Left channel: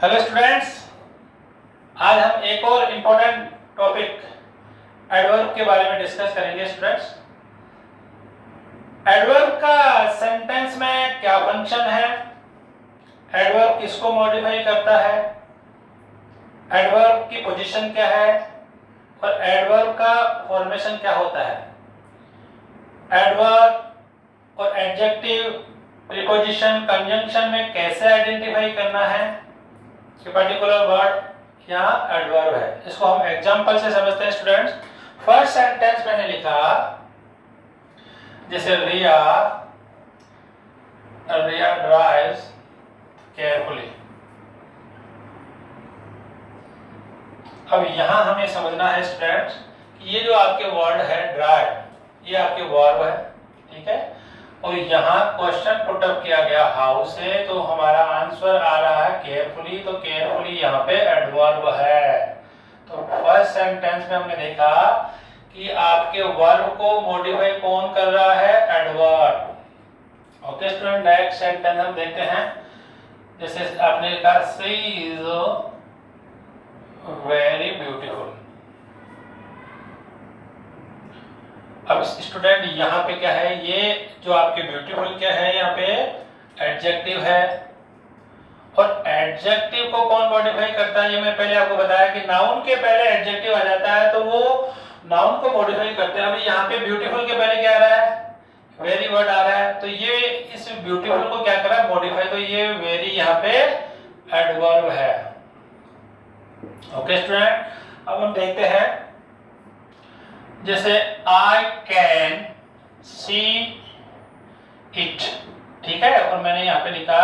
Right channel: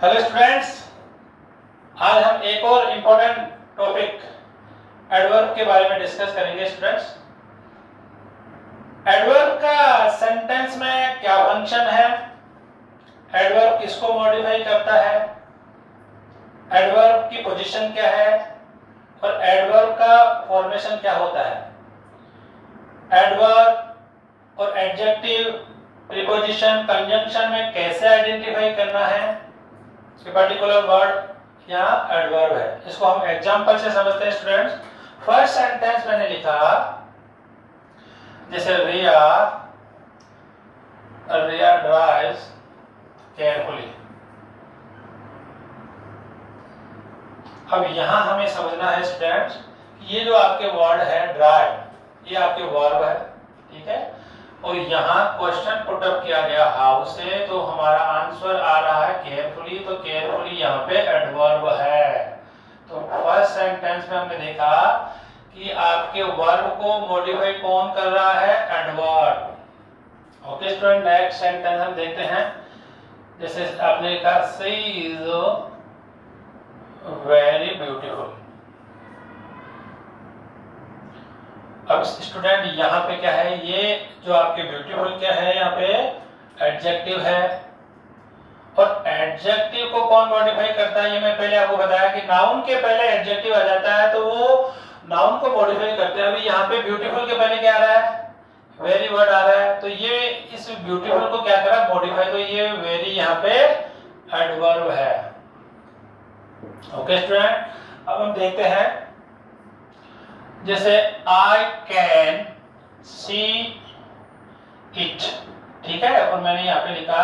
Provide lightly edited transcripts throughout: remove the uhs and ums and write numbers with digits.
Hello students, आज हम एक और इम्पोर्टेंट टॉपिक एडवर्ब के बारे में डिस्कस करेंगे। स्टूडेंट्स, एडवर्ब का सेंटेंस में क्या फंक्शन है, एडवर्ब किसको मॉडिफाई करता है, एडवर्ब की पोजीशन क्या है और एडवर्ब का फॉर्मेशन क्या होता है, एडवर्ब और एडजेक्टिव, प्रीपोजिशन, कंजंक्शन में कैसे आइडेंटिफाई करना है कि पर्टिकुलर वर्ड यहाँ एडवर्ब है, इसको हम एग्जांपल से समझते हैं। स्टूडेंट्स, फर्स्ट सेंटेंस मैंने लिखा जैसे रिया ड्राइव्स केयरफुली। अब यहां हमें समझना है स्टूडेंट्स, ये जो आपके वर्ड है ड्राइव, ये आपके वर्ब है, ठीक है, और यहाँ क्वेश्चन पुट अप किया गया हाउ से, तो हमारा आंसर आ रहा है केयरफुली, तो केयरफुली यहाँ पे एडवर्ब है। तो फर्स्ट सेंटेंस में हमने देखा कि आपके वर्ब को मॉडिफाई कौन कर रहा है, adverb. Okay student, next sentence हम देखते हैं। जैसे आपने लिखा शी इज वेरी ब्यूटीफुल। अब स्टूडेंट यहाँ पे क्या है, ये जो आपके ब्यूटीफुल क्या है, यहाँ पे एडजेक्टिव है, और एडजेक्टिव को कौन मॉडिफाई करता है, ये मैं पहले आपको बताया कि नाउन के पहले एडजेक्टिव आ जाता है तो वो नाउन को मॉडिफाई करते हैं। अभी यहाँ पे ब्यूटीफुल के पहले क्या आ रहा है, वेरी वर्ड आ रहा है, तो ये इस ब्यूटीफुल को क्या करा, मॉडिफाई, तो ये वेरी यहाँ पे एडवर्ब है। ओके स्टूडेंट, अब हम देखते हैं जैसे आई कैन सी इट, ठीक है, और मैंने यहाँ पे लिखा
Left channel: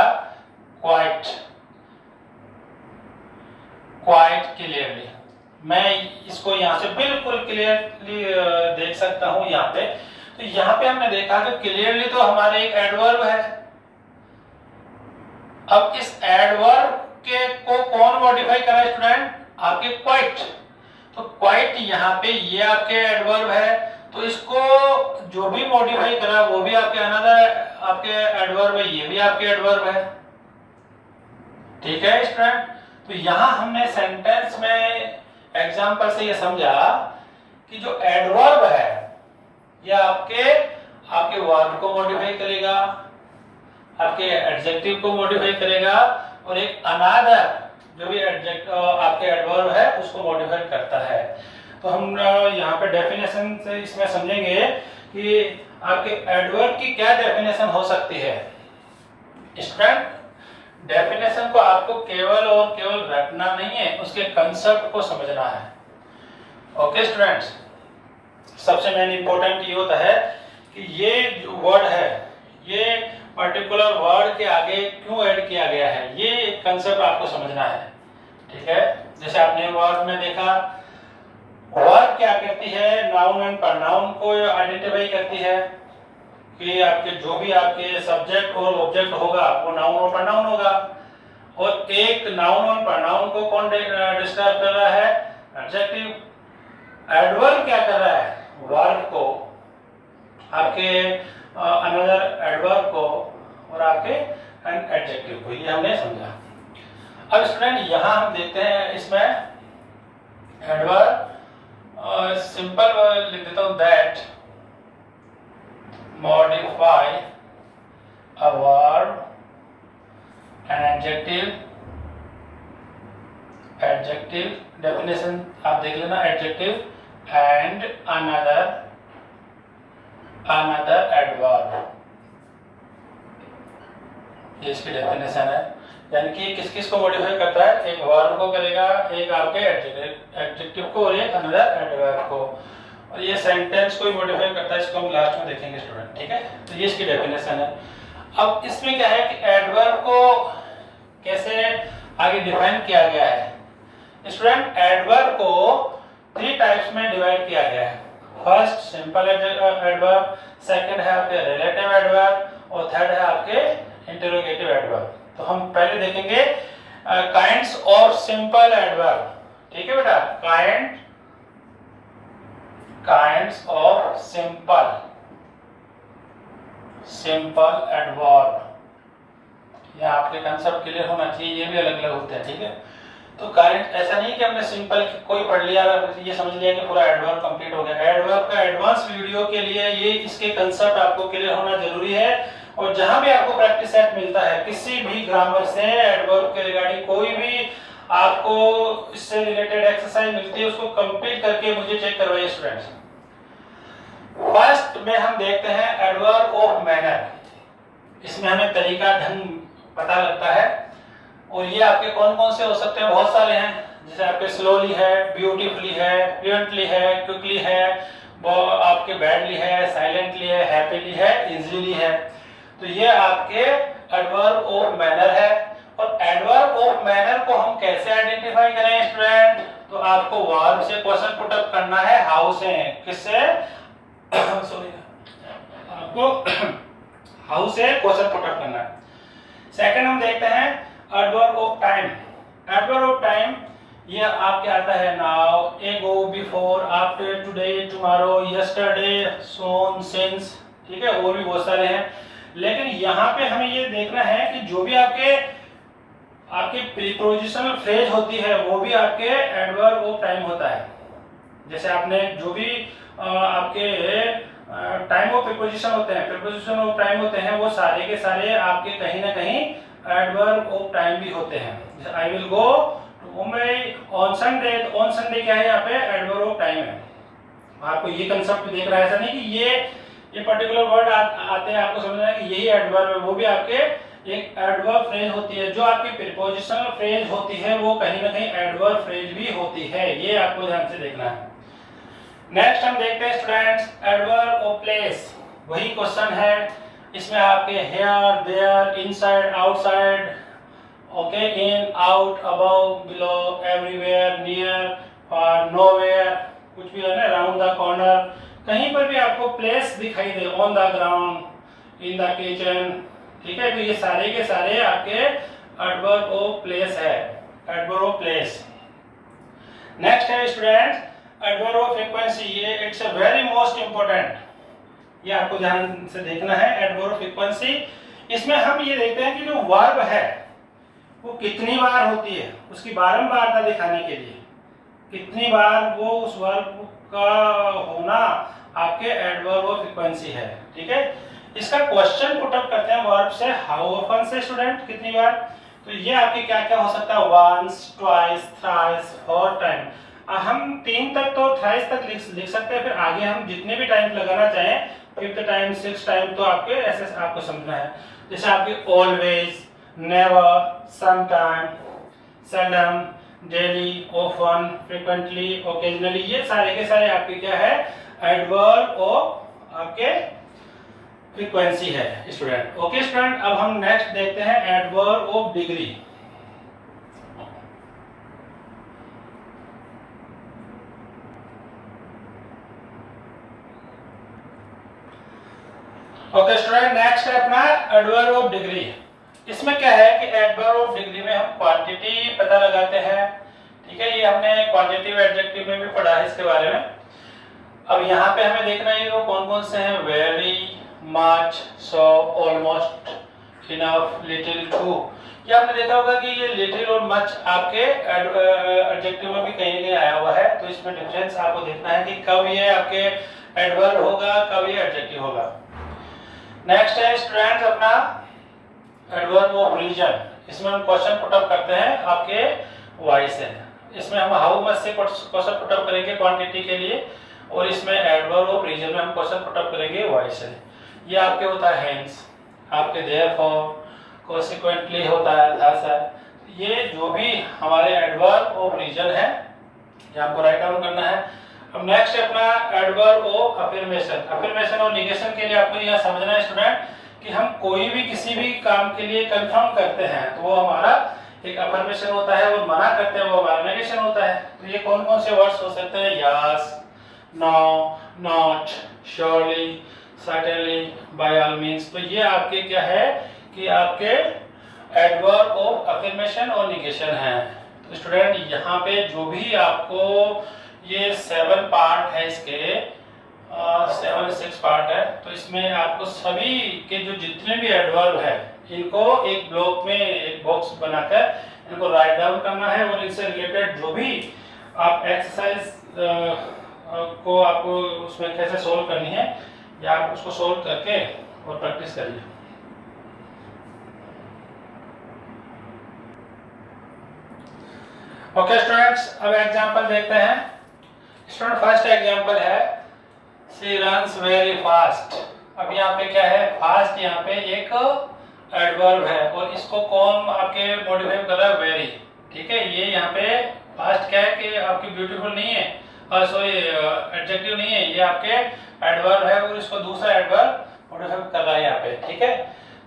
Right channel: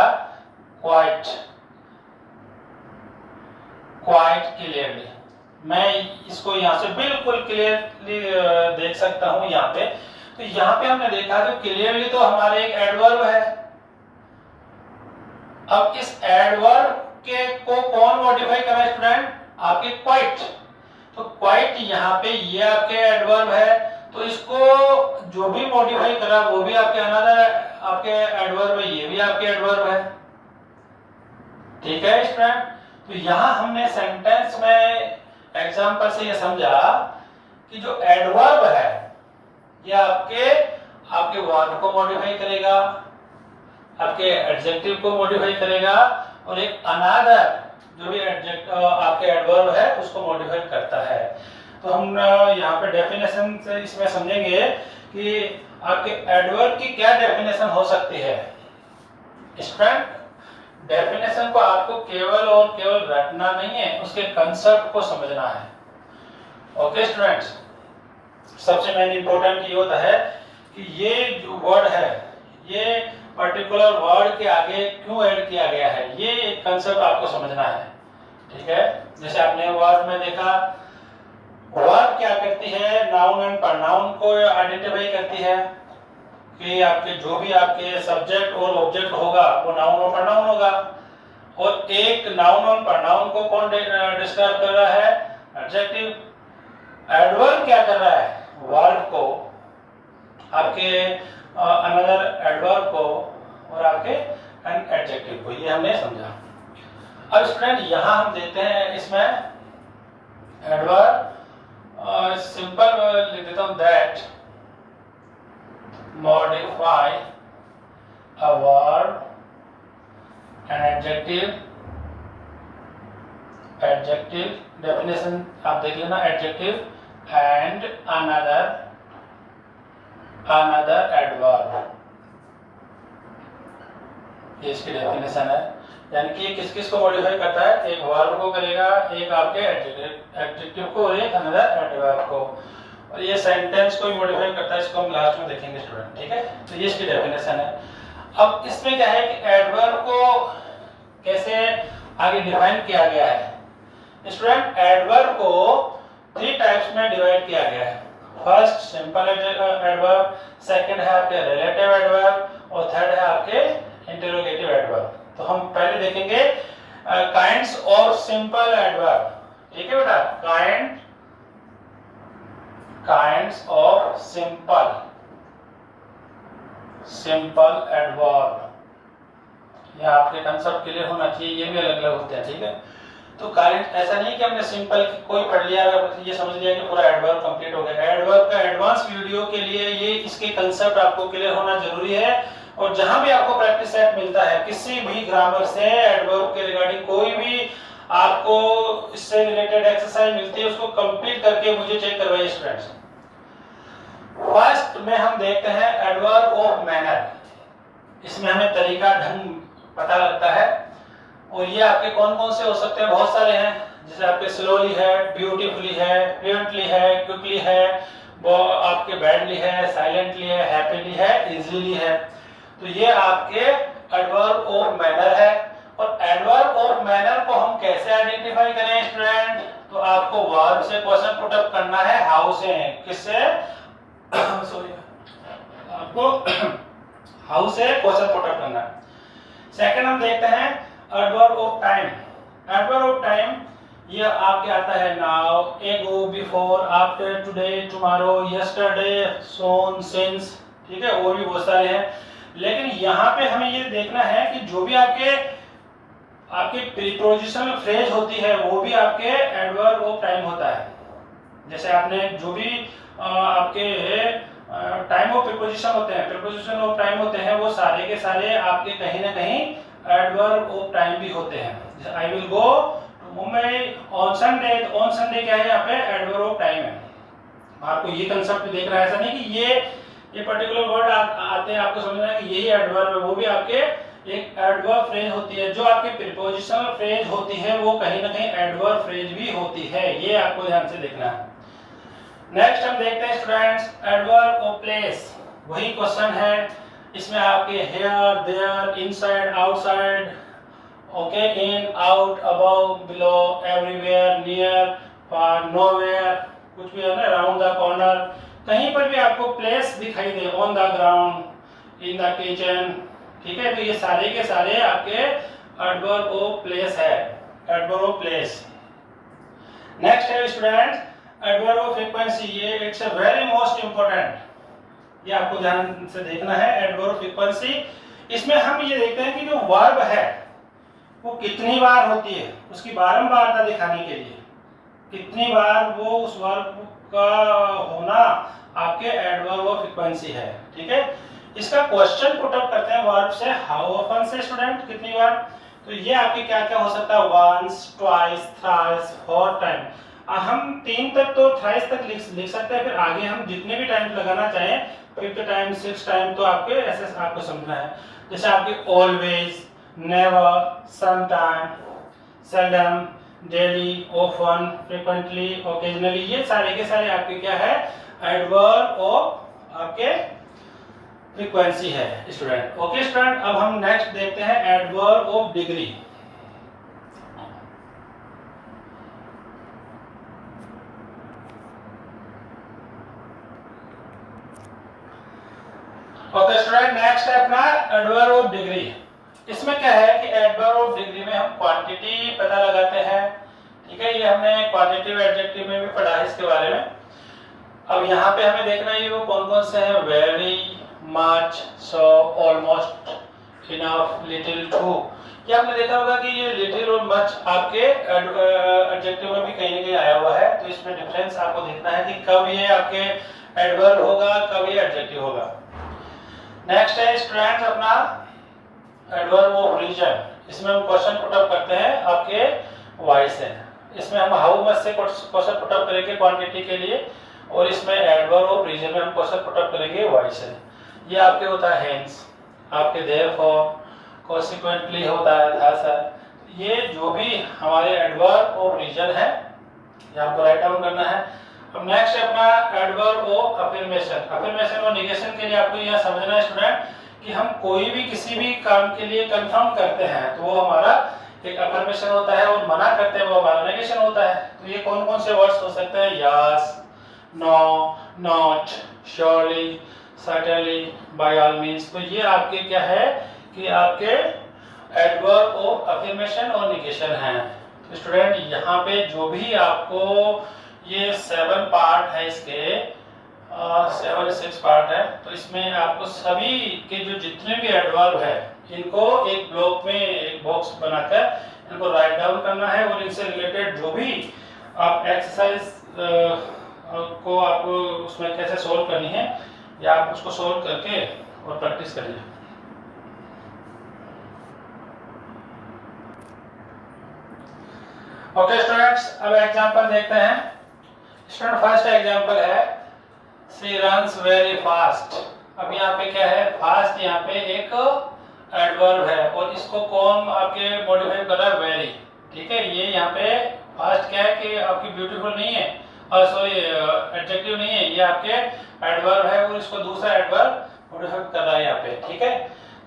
क्वाइट, क्वाइट क्लियरली। मैं इसको यहाँ से बिल्कुल क्लियरली देख सकता हूं यहाँ पे। तो यहाँ पे हमने देखा कि क्लियरली तो हमारे एक एडवर्ब है। अब इस एडवर्ब के को कौन मॉडिफाई कर रहा है स्टूडेंट, आपके क्वाइट। तो क्वाइट यहाँ पे ये आपके एडवर्ब है, तो इसको जो भी मॉडिफाई करा वो भी आपके अनदर आपके एडवर्ब है, ये भी आपके एडवर्ब है, ठीक है स्टूडेंट। तो यहाँ हमने सेंटेंस में एग्जांपल से ये समझा कि जो एडवर्ब है ये आपके वर्ब को मॉडिफाई करेगा, आपके एडजेक्टिव को मॉडिफाई करेगा, और एक अनदर जो भी आपके एडवर्ब है उसको मॉडिफाई करता है। तो हम यहाँ पे डेफिनेशन से इसमें समझेंगे कि आपके एडवर्ब की क्या डेफिनेशन हो सकती है। स्टूडेंट, डेफिनेशन को आपको केवल और केवल रटना नहीं है, उसके कंसेप्ट को समझना है। ओके स्टूडेंट्स, सबसे मेन इंपॉर्टेंट ये होता है कि ये जो वर्ड है ये पर्टिकुलर वर्ड के आगे क्यों ऐड किया गया है, ये कंसेप्ट आपको समझना है, ठीक है। जैसे आपने वर्ड में देखा, वर्ड क्या करती है, नाउन एंड प्रोनाउन को आइडेंटिफाई करती है कि आपके जो भी आपके सब्जेक्ट और ऑब्जेक्ट होगा वो नाउन और प्रोनाउन होगा, और एक नाउन और प्रोनाउन को कौन डिस्क्राइब कर रहा है, एडजेक्टिव। एडवर्ब क्या कर रहा है, वर्ब को, आपके अनदर एडवर्ब को और आपके एडजेक्टिव को, ये हमने समझा। अब स्टूडेंट यहाँ हम देखते हैं इसमें एडवर्ब, सिंपल लिख देता हूँ, that modify a verb, an adjective definition आप देख लेना, adjective and another adverb, ये इसकी डेफिनेशन है। यानी कि किस किस को मॉडिफाई करता है, एक वर्ब को करेगा, एक आपके एडजेक्टिव को और एक अनदर एडवर्ब को, और ये सेंटेंस को ही मॉडिफाई करता है, इसको हम लास्ट में देखेंगे स्टूडेंट, ठीक है। तो ये इसकी डेफिनेशन है। अब इसमें क्या है कि एडवर्ब को कैसे आगे डिफाइन किया गया है स्टूडेंट। एडवर्ब को 3 टाइप्स में डिवाइड किया गया है। फर्स्ट सिंपल एडवर्ब, सेकंड है आपके रिलेटिव एडवर्ब, और थर्ड है आपके इंटरोगेटिव एडवर्ब। तो हम पहले देखेंगे काइंड्स ऑफ सिंपल एडवर्ब, ठीक है बेटा, काइंड्स ऑफ सिंपल एडवर्ब, या आपके कंसेप्ट क्लियर होना चाहिए, ये भी अलग अलग होते हैं, ठीक है। तो काइंड ऐसा नहीं कि हमने सिंपल कोई पढ़ लिया ये समझ लिया कि पूरा एडवर्ब कंप्लीट हो गया। एडवर्ब का एडवांस वीडियो के लिए ये इसके कंसेप्ट आपको क्लियर होना जरूरी है। और जहां भी आपको प्रैक्टिस सेट मिलता है किसी भी ग्रामर से एडवर्ब के रिगार्डिंग कोई भी आपको इससे रिलेटेड एक्सरसाइज मिलती है उसको कंप्लीट करके मुझे चेक करवाइए स्टूडेंट्स। फर्स्ट में हम देखते हैं एडवर्ब ऑफ मैनर। इसमें हमें तरीका ढंग पता लगता है और ये आपके कौन कौन से हो सकते हैं, बहुत सारे हैं। जैसे आपके स्लोली है, ब्यूटीफुली है, फ्लुएंटली है, क्विकली है, वो आपके बैडली है, साइलेंटली है, हैप्पीली है, इजीली है। तो ये आपके एडवर्ब ऑफ मैनर है। और एडवर्ब ऑफ मैनर को हम कैसे आइडेंटिफाई करें स्टूडेंट, तो आपको वर्ब से क्वेश्चन पुट अप करना है, हाउ से, किससे सॉरी आपको हाउ से क्वेश्चन पुट अप करना है। सेकंड हम देखते हैं adverb of time. Adverb of time ये आपके आता है now, ago, before, after, today, tomorrow, yesterday, soon, since, ठीक है। और भी बहुत सारे हैं, लेकिन यहाँ पे हमें ये देखना है कि जो भी आपके प्रीपोजिशनल फ्रेज होती है वो भी आपके एडवर्ब ऑफ टाइम होता है। जैसे आपने जो भी आपके टाइम ऑफ प्रीपोजिशन होते हैं, प्रीपोजिशन ऑफ टाइम होते हैं, वो सारे के सारे आपके कहीं ना कहीं एडवर्ब ऑफ टाइम भी होते हैं। जैसे I will go to Mumbai on Sunday, on Sunday क्या है यहाँ पे एडवर्ब ऑफ टाइम है। आपको ये कंसेप्ट देख रहा है, ऐसा नहीं कि ये पर्टिकुलर वर्ड आते हैं आपको समझना है कि यही एडवर्ब है, वो भी आपके एक एडवर्ब फ्रेज होती है। जो आपकी प्रीपोजिशनल फ्रेज होती है वो कहीं ना कहीं एडवर्ब फ्रेज भी होती है, ये आपको ध्यान से देखना है। नेक्स्ट हम देखते हैं स्टूडेंट्स एडवर्ब ऑफ प्लेस। वही क्वेश्चन है, इसमें आपके here, there, inside, outside, okay, in, out, above, below, everywhere, near, far, nowhere, कुछ भी है ना, अराउंड द कॉर्नर, कहीं पर भी आपको प्लेस दिखाई दे, on the ground, in the kitchen, ठीक है। तो ये सारे के सारे आपके एडवर्ब ऑफ प्लेस है, एडवर्ब ऑफ प्लेस। नेक्स्ट है स्टूडेंट एडवर्ब ऑफ फ्रीक्वेंसी। ये it's a very most important, ये आपको ध्यान से देखना है एडवर्ब ऑफ फ्रीक्वेंसी। इसमें हम ये देखते हैं कि जो वर्ब है वो कितनी बार होती है, उसकी बारंबारता दिखाने के लिए कितनी बार वो उस वर्ब का होना आपके एडवर्ब ऑफ फ्रीक्वेंसी है, ठीक है। इसका क्वेश्चन पुट अप करते हैं वर्ब से, हाउ ऑफन से स्टूडेंट, कितनी बार। तो ये आपके क्या क्या हो सकता है, once, twice, thrice, four time. हम 3 तक तो थ्राइस तक लिख सकते हैं, फिर आगे हम जितने भी टाइम लगाना चाहें, 5th टाइम, 6th टाइम, तो आपके ऐसे आपको समझना है। जैसे आपकी always, never, sometime, seldom, daily, often, frequently, occasionally, ये सारे के सारे आपके क्या है एडवर्ब ऑफ आपके फ्रीक्वेंसी है स्टूडेंट। ओके स्टूडेंट, अब हम नेक्स्ट देखते हैं adverb of degree. Okay student, next है अपना एडवर्ब ऑफ डिग्री। इसमें क्या है कि एडवर्ब ऑफ डिग्री में हम क्वांटिटी पता लगाते हैं, ठीक है। ये हमने क्वांटिटिव एडजेक्टिव में भी पढ़ा है इसके बारे में। अब यहाँ पे हमें देखना है वो कौन कौन से हैं, very, much, so, almost, enough, little, too. ये आपने देखा होगा कि ये लिटिल और मच आपके एडजेक्टिव में भी कहीं ना कहीं आया हुआ है। तो इसमें डिफरेंस आपको देखना है कि कब ये आपके एडवर्ब होगा, कब ये एडजेक्टिव होगा। नेक्स्ट है स्टूडेंट्स अपना एडवर्ब ऑफ रीजन। इसमें हम क्वेश्चन पुट अप करते हैं आपके वाई से। इसमें हम हाउ मच से क्वेश्चन पुट अप करेंगे क्वांटिटी के लिए, और इसमें एडवर्ब ऑफ रीजन में हम क्वेश्चन पुट अप करेंगे वाई से। ये आपके होता है हेंस, आपके देयरफॉर, कॉन्सिक्वेंटली होता है thus। ये जो भी हमारे एडवर्ब ऑफ रीजन है ये आपको राइट डाउन करना है। अब नेक्स्ट है अपना एडवर्ब ऑफ अफर्मेशन। अफर्मेशन और निगेशन के लिए आपको यह समझना है स्टूडेंट कि हम कोई भी किसी भी काम के लिए कंफर्म करते हैं तो वो हमारा एक अफर्मेशन होता है, और मना करते हैं वो हमारा नेगेशन होता है। तो ये कौन कौन से वर्ड्स हो सकते हैं, yes, no, not, surely, certainly, by all means. तो ये आपके क्या है कि आपके एडवर्ब ऑफ अफर्मेशन और निगेशन है। तो स्टूडेंट यहाँ पे जो भी आपको ये 7 पार्ट है, इसके 7 6 पार्ट है, तो इसमें आपको सभी के जो जितने भी एडवर्ब है इनको एक ब्लॉक में एक बॉक्स बनाकर इनको राइट डाउन करना है और इनसे रिलेटेड जो भी आप एक्सरसाइज को आपको उसमें कैसे सोल्व करनी है या आप उसको सोल्व करके और प्रैक्टिस करिए। ओके स्टूडेंट्स, अब एग्जांपल देखते हैं। स्टूडेंट फर्स्ट एग्जांपल है शी रन्स वेरी फास्ट। अब यहाँ पे क्या है, फास्ट यहाँ पे एक एडवर्ब है और इसको कौन आपके मॉडिफाई कर रहा है, वेरी। ठीक है, ये यहाँ पे फास्ट क्या है कि आपकी ब्यूटीफुल नहीं है, सॉरी एडजेक्टिव नहीं है, ये आपके एडवर्ब है और इसको दूसरा एडवर्ब मॉडिफाई कर रहा है यहाँ पे। ठीक है,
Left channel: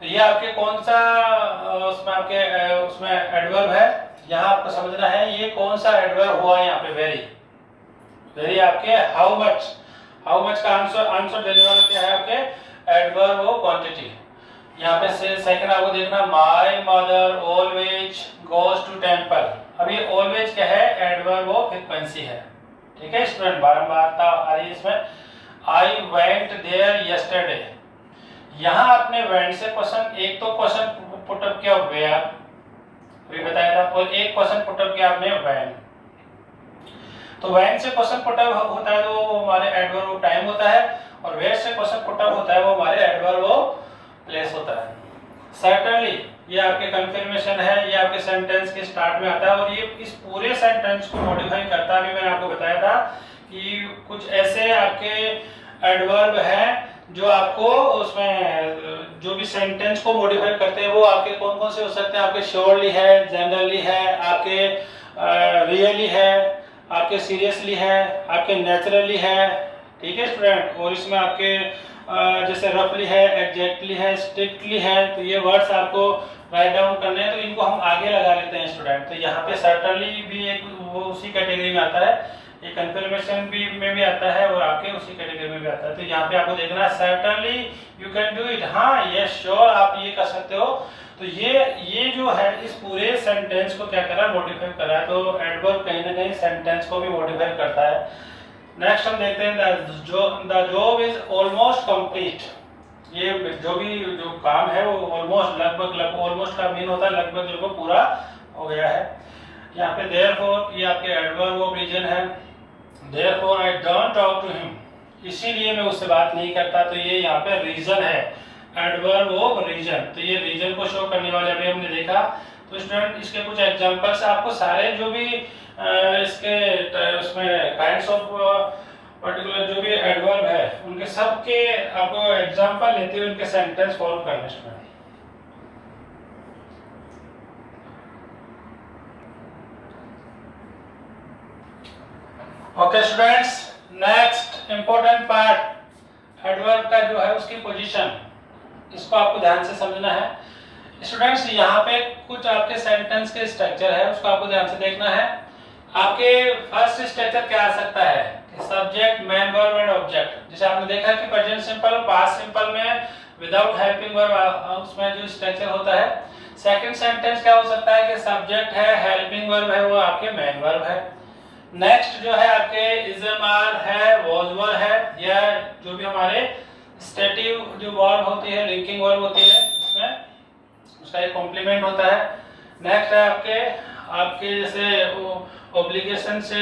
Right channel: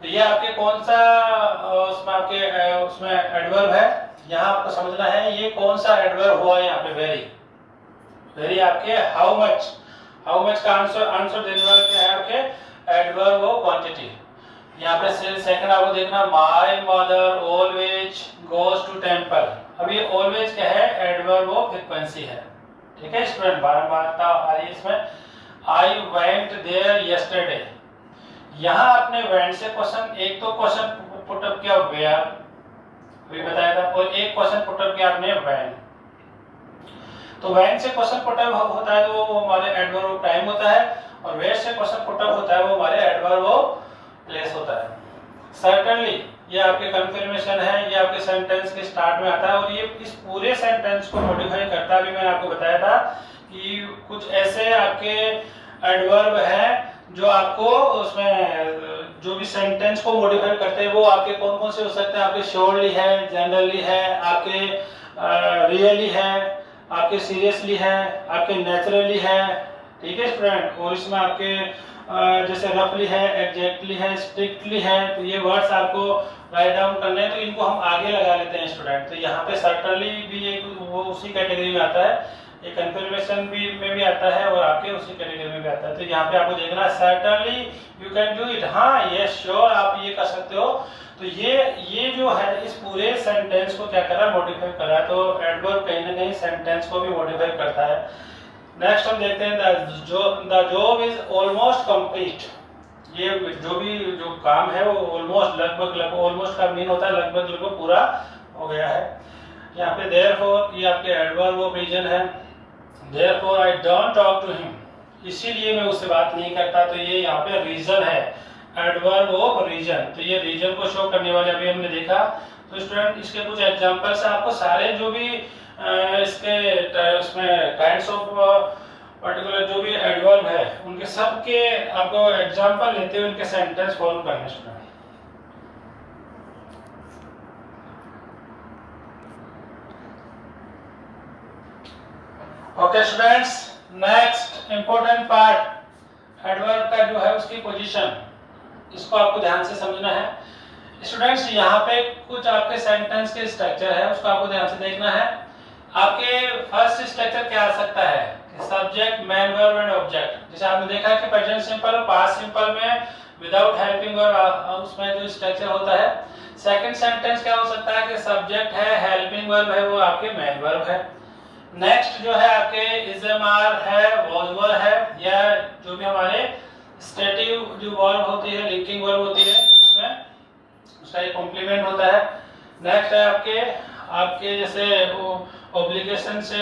तो ये आपके कौन सा उसमें आपके उसमें एडवर्ब है, यहाँ आपको समझना है ये कौन सा एडवर्ब हुआ है यहाँ पे, वेरी। वेरी आपके हाउ मच, हाउ मच का आंसर देने वाला क्या है आपके एडवर्ब और क्वांटिटी। यहाँ पे सेकंड आपको देखना, my mother always goes to temple. अब ये ऑलवेज क्या है, एडवर्ब और फ्रीक्वेंसी है। ठीक है स्टूडेंट, बारंबारता आ रही है इसमें। आई वेंट देयर यस्टरडे, यहाँ आपने वेंट से क्वेश्चन, एक तो क्वेश्चन पुटअप किया वेयर, अभी बताया था, और एक क्वेश्चन पुटअप किया आपने व्हेन। तो व्हेन से क्वेश्चन पुटअप होता है तो वो हमारे एडवर्ब ऑफ टाइम होता है, और वेयर से क्वेश्चन पुटअप होता है वो हमारे एडवर्ब ऑफ प्लेस होता है। सर्टेनली ये आपके कंफर्मेशन है, ये आपके सेंटेंस के स्टार्ट में आता है और ये इस पूरे सेंटेंस को मॉडिफाई करता है। अभी मैंने आपको बताया था कि कुछ ऐसे आपके एडवर्ब हैं जो आपको उसमें जो भी सेंटेंस को मॉडिफाई करते हैं वो आपके कौन कौन से हो सकते हैं, आपके श्योरली है, जनरली है, आपके रियली है, आपके सीरियसली है, आपके नेचुरली है। ठीक है स्टूडेंट, और इसमें आपके जैसे रफली है, एग्जैक्टली है, स्ट्रिक्टली है, तो ये वर्ड्स आपको राइट डाउन करने हैं, तो इनको हम आगे लगा लेते हैं स्टूडेंट। तो यहाँ पे सर्टेनली भी एक वो उसी कैटेगरी में आता है, ये कंफर्मेशन भी में भी आता है और आपके उसी कैटेगरी में भी आता है। तो यहाँ पे आपको देखना है certainly you can do it, हाँ यस श्योर आप ये कर सकते हो। तो ये जो है इस पूरे सेंटेंस को क्या कर रहा है, मॉडिफाई कर रहा है। तो एडवर्ब कहीं ना कहीं सेंटेंस को भी मॉडिफाई करता है। नेक्स्ट हम देखते हैं the job is almost complete. ये जो काम है वो ऑलमोस्ट लगभग ऑलमोस्ट का मीन होता है लगभग पूरा हो गया है। यहाँ पे देयरफॉर ये आपके एडवर्ब ऑफ रीजन है, therefore I don't talk to him, इसीलिए मैं उससे बात नहीं करता। तो ये यहाँ पे रीजन है, एडवर्ब ऑफ रीजन। तो ये रीजन को शो करने वाले अभी हमने देखा। तो स्टूडेंट इसके कुछ एग्जांपल्स आपको सारे जो भी इसके उसमें काइंड्स ऑफ पर्टिकुलर जो भी एडवर्ब है उनके सब के आपको एग्जांपल लेते हुए उनके सेंटेंस फॉर्म करने student. Okay students, next important part adverb का जो है उसकी पोजीशन, इसको आपको ध्यान से समझना है स्टूडेंट्स। यहाँ पे कुछ आपके सेंटेंस के स्ट्रक्चर है, उसको आपको ध्यान से देखना है। आपके फर्स्ट स्ट्रक्चर क्या आ सकता है, subject, main verb and object. जैसे आपने देखा कि प्रेजेंट सिंपल और पास्ट सिंपल में विदाउट हेल्पिंग वर्ब उसमें जो स्ट्रक्चर होता है। सेकंड सेंटेंस क्या हो सकता है कि सब्जेक्ट है, हेल्पिंग वर्ब है, वो आपके मेन वर्ब है। नेक्स्ट जो है आपके इज एम आर है, वॉज वर है, या जो भी हमारे स्टेटिव जो वर्ब होती है, लिंकिंग वर्ब होती है, उसमें उसका एक कॉम्प्लीमेंट होता है। नेक्स्ट है आपके जैसे ऑब्लिगेशन से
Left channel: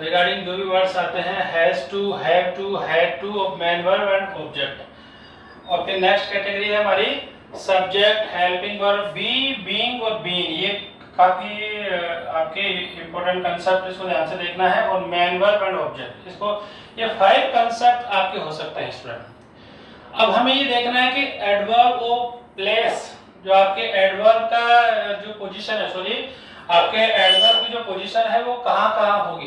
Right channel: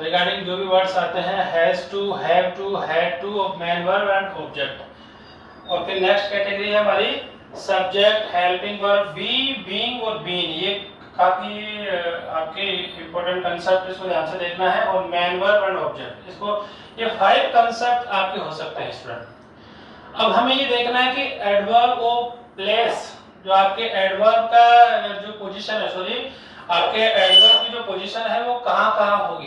रिगार्डिंग जो भी वर्ड्स आते हैं, has to, have to, had to, main verb and object. और फिर नेक्स्ट कैटेगरी है हमारी subject, helping verb, be, being और बीन। ये काफी आपके इंपॉर्टेंट कंसेप्ट, इसको ध्यान से देखना है। और मेन वर्ब एंड ऑब्जेक्ट, इसको ये 5 कंसेप्ट आपके हो सकते हैं स्टूडेंट। अब हमें ये देखना है कि एडवर्ब ऑफ प्लेस, जो आपके एडवर्ब का जो पोजीशन है, सॉरी आपके एडवर्ब की जो पोजीशन है वो कहाँ होगी।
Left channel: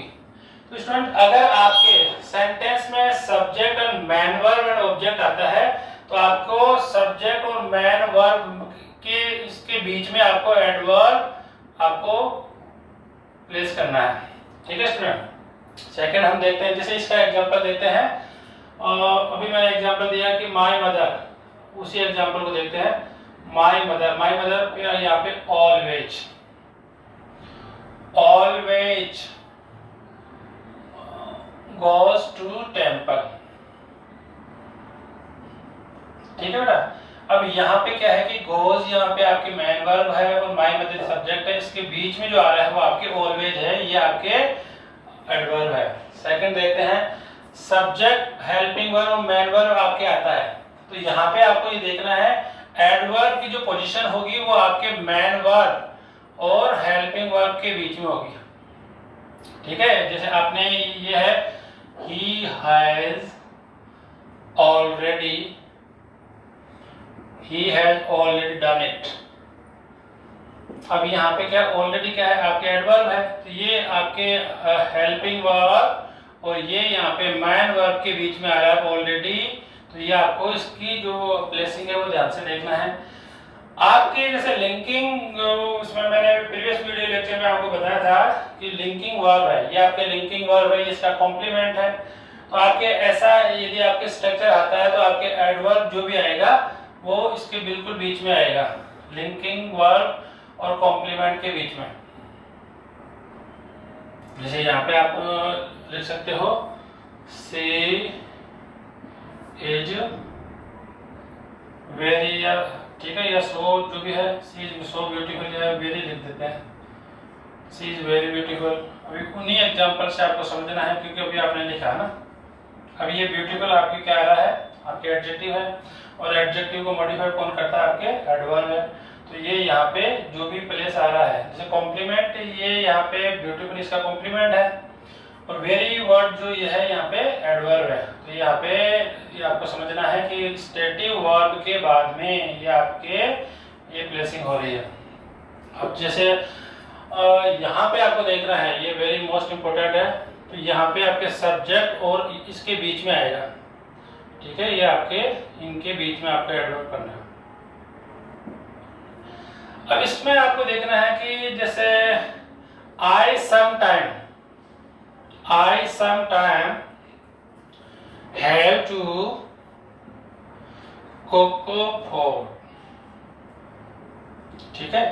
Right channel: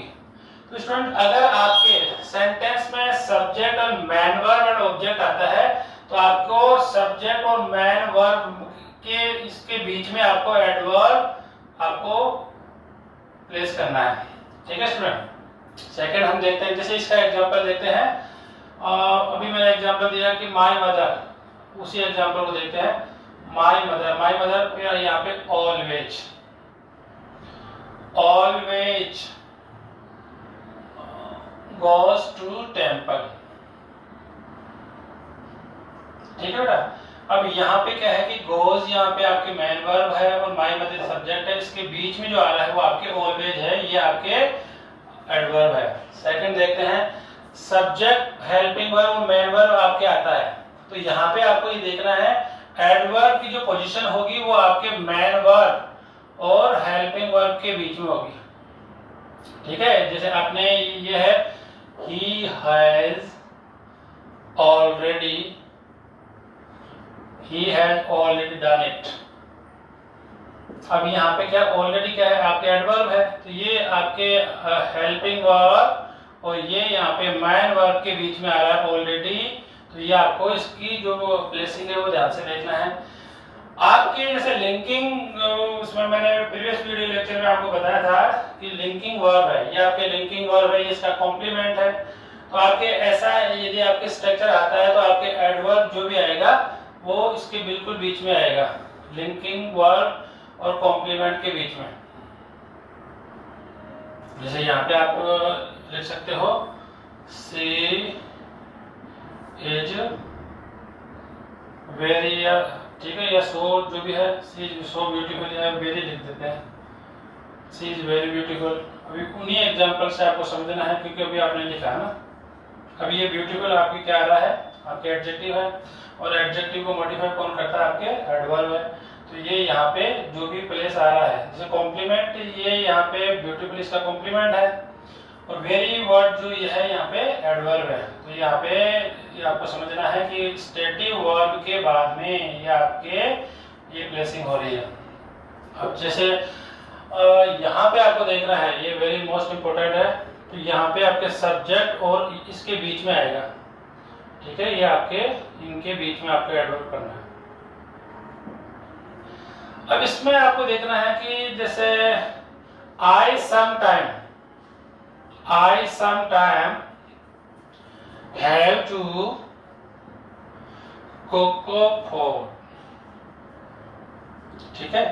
तो स्टूडेंट अगर आपके सेंटेंस में सब्जेक्ट और मेन वर्ब एंड ऑब्जेक्ट आता है तो आपको सब्जेक्ट और मेन वर्ब के इसके बीच में आपको एडवर्ब आपको प्लेस करना है। ठीक है स्टूडेंट। सेकंड हम देखते हैं, जैसे इसका एग्जांपल लेते हैं। अभी मैंने एग्जांपल दिया कि माय मदर, उसी एग्जांपल को देखते हैं। माय मदर पे यहाँ पे ऑलवेज गोज टू टेंपल। ठीक है बेटा, अब यहाँ पे क्या है कि गोज यहाँ पे आपके मेन वर्ब है और माई मतलब सब्जेक्ट है, इसके बीच में जो आ रहा है वो आपके ऑलवेज है, ये आपके एडवर्ब है। सेकंड देखते हैं, सब्जेक्ट हेल्पिंग वर्ब और मेन वर्ब आपके आता है, तो यहाँ पे आपको ये देखना है एडवर्ब की जो पोजीशन होगी वो आपके मेन वर्ब और हेल्पिंग वर्ब के बीच में होगी। ठीक है, जैसे आपने ये है he has already done it। अब यहाँ पे क्या ऑलरेडी क्या है आपके एडवर्ब है, तो ये आपके हेल्पिंग वर्ब और ये यहाँ पे मैन वर्ब के बीच में आ रहा है ऑलरेडी, तो ये आपको इसकी जो प्लेसिंग है वो ध्यान से देखना है। आपकी जैसे लिंकिंग, उसमें मैंने प्रीवियस वीडियो लेक्चर में आपको बताया था कि लिंकिंग वर्ब है, ये आपके लिंकिंग वर्ब है, ये इसका कॉम्प्लीमेंट है। तो आपके ऐसा यदि आपके स्ट्रक्चर आता है तो आपके एडवर्ब जो भी आएगा वो इसके बिल्कुल बीच में आएगा, लिंकिंग वर्ब और कॉम्प्लीमेंट के बीच में। जैसे यहाँ पे आप लिख सकते हो सी इज वेरी, ठीक है, या सो जो भी है, सी इज सो ब्यूटीफुल या वेरी लिख देते हैं, सी इज वेरी ब्यूटीफुल। अभी उन्हीं एग्जांपल से आपको समझना है क्योंकि अभी आपने लिखा ना, अभी ये ब्यूटीफुल आपकी क्या आ रहा है, आपके एडजेक्टिव है और एडजेक्टिव को मॉडिफाई कौन करता है, आपके एडवर्ब है। तो ये यहाँ पे जो भी प्लेस आ रहा है, जैसे कॉम्प्लीमेंट, ये यहाँ पे ब्यूटीफुल इसका कॉम्प्लीमेंट है और वेरी वर्ड जो ये है यहाँ पे एडवर्ब है। तो यहाँ पे ये आपको समझना है कि स्टेटिव वर्ब के बाद में ये आपके ये प्लेसिंग हो रही है। अब जैसे यहाँ पे आपको देखना है, ये वेरी मोस्ट इम्पोर्टेंट है, तो यहाँ पे आपके सब्जेक्ट और इसके बीच में आएगा। ठीक है, ये आपके इनके बीच में आपको एडवर्ब करना है। अब इसमें आपको देखना है कि जैसे I sometime have to cook food। ठीक है,